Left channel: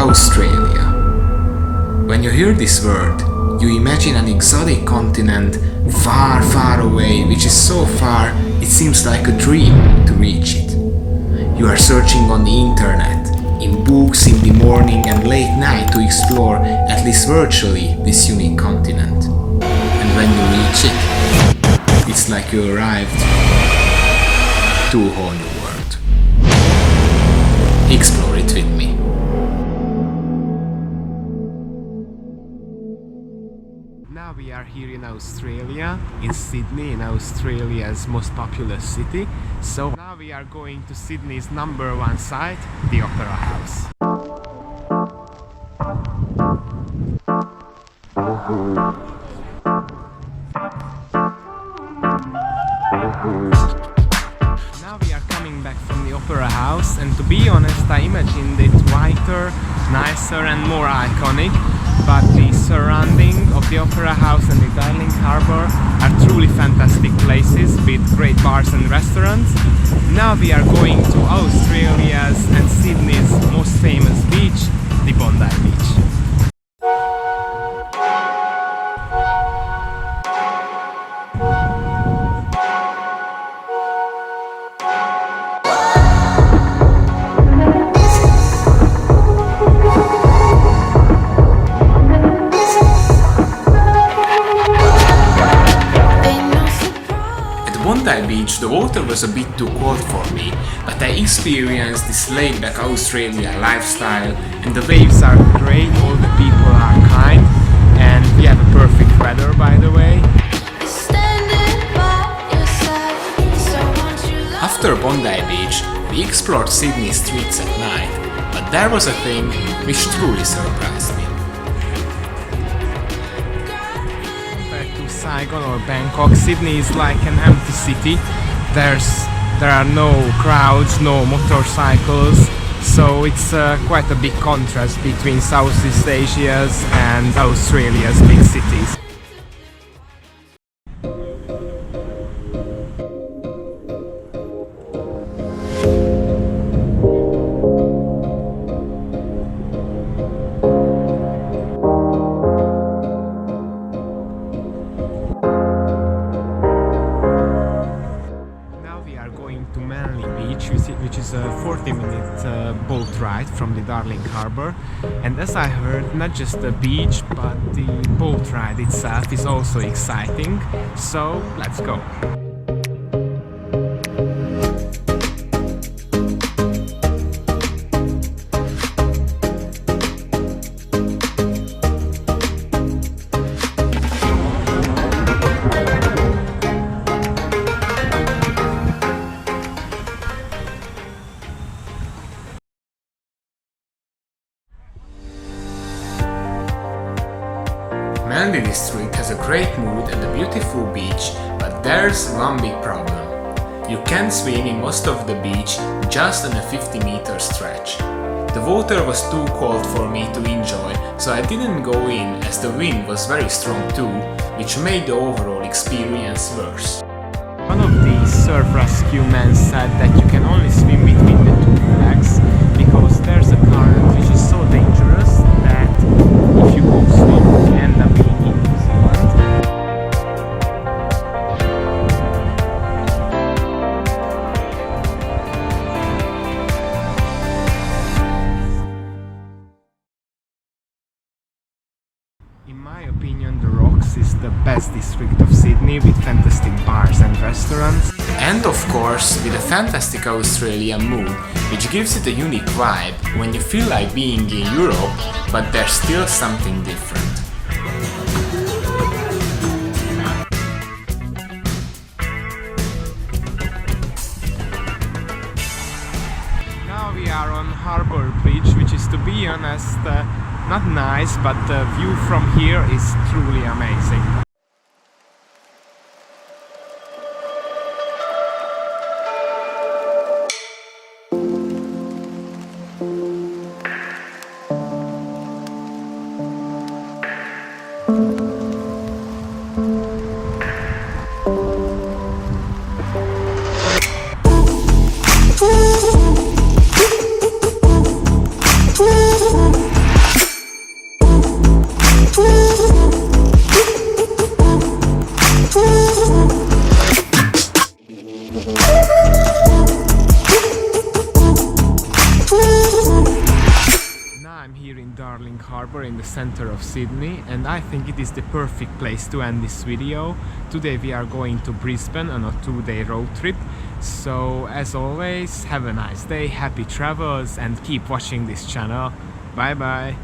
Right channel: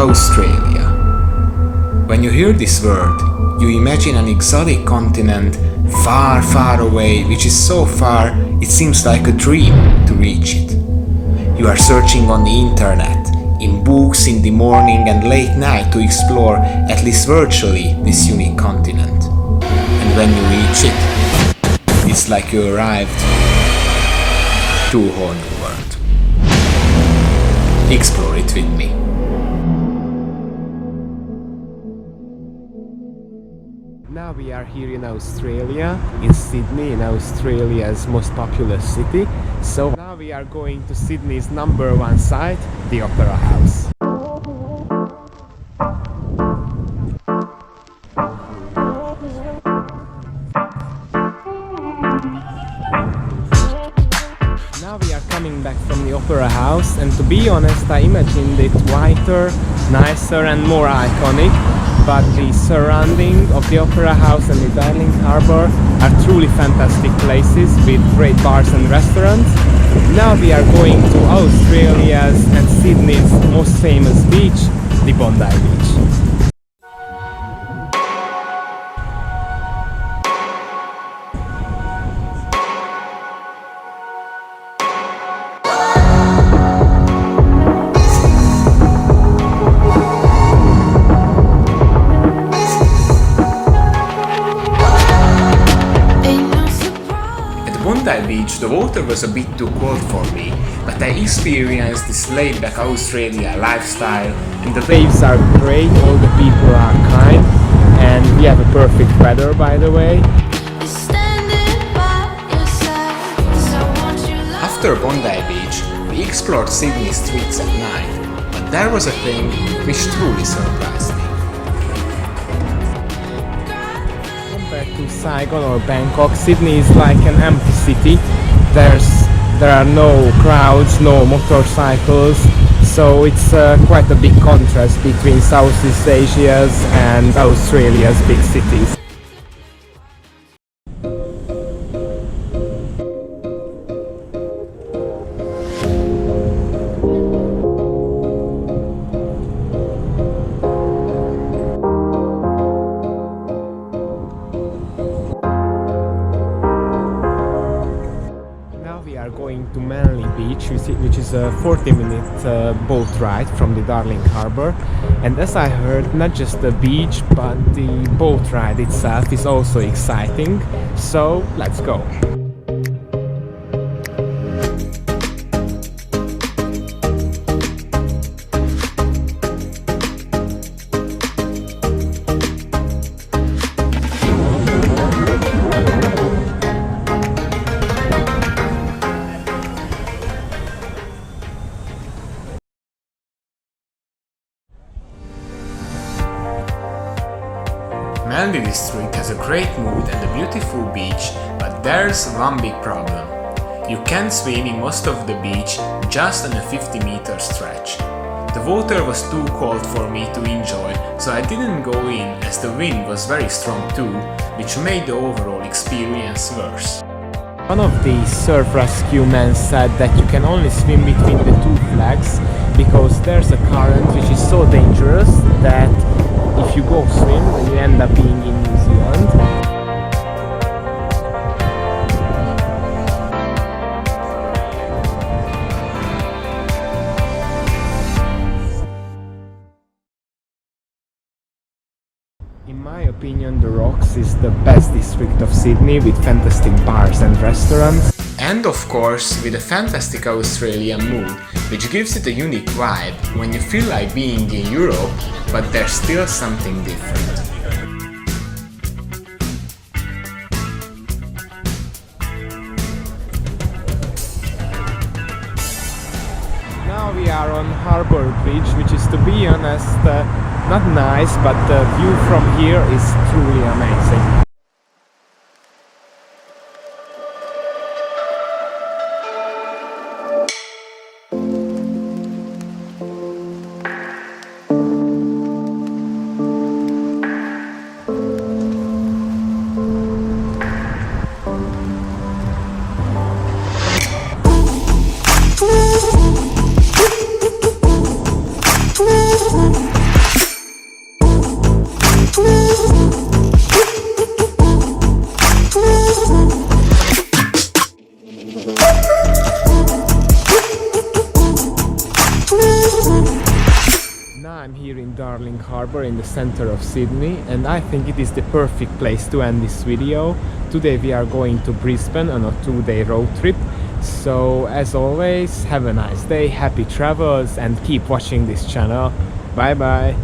Australia. When you hear this word, you imagine an exotic continent far, far away, which is so far it seems like a dream to reach it. You are searching on the internet, in books in the morning and late night to explore, at least virtually, this unique continent. And when you reach it, it's like you arrived to a whole new world. Explore it with me. Now we are here in Australia, in Sydney, in Australia's most populous city. So now we are going to Sydney's #1 site, the Opera House. Now we are coming back from the Opera House, and to be honest, I imagined it whiter, nicer and more iconic. But the surrounding of the Opera House and the Darling Harbour are truly fantastic places with great bars and restaurants. Now we are going to Australia's and Sydney's most famous beach, the Bondi Beach. Bondi Beach, the water was a bit too cold for me, but I experienced this laid-back Australia lifestyle, and the waves are great, all the people are kind, and we have a perfect weather, by the way. After Bondi Beach, we explored Sydney streets at night, but there was a thing which truly surprised me. To Saigon or Bangkok, Sydney is like an empty city. There are no crowds, no motorcycles, so it's quite a big contrast between Southeast Asia's and Australia's big cities. Going to Manly Beach, which is a 40-minute boat ride from the Darling Harbour, and as I heard, not just the beach but the boat ride itself is also exciting, so let's go. Manly district has a great mood and a beautiful beach, but there's one big problem. You can't swim in most of the beach just on a 50-meter stretch. The water was too cold for me to enjoy, so I didn't go in as the wind was very strong too, which made the overall experience worse. One of the surf rescue men said that you can only swim between the two flags because there's a current which is so dangerous that if you go swim, you end up being in New Zealand. In my opinion, the Rocks is the best district of Sydney with fantastic bars and restaurants. And of course, with a fantastic Australian mood, which gives it a unique vibe when you feel like being in Europe, but there's still something different. Now we are on Harbour Bridge, which is, to be honest, not nice, but the view from here is truly amazing. Ooh. I'm here in Darling Harbour in the center of Sydney, and I think it is the perfect place to end this video. Today we are going to Brisbane on a 2-day road trip. So as always, have a nice day, happy travels, and keep watching this channel. Bye bye!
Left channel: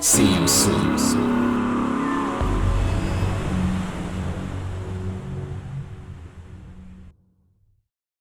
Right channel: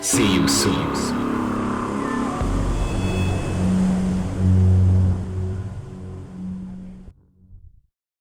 See you soon.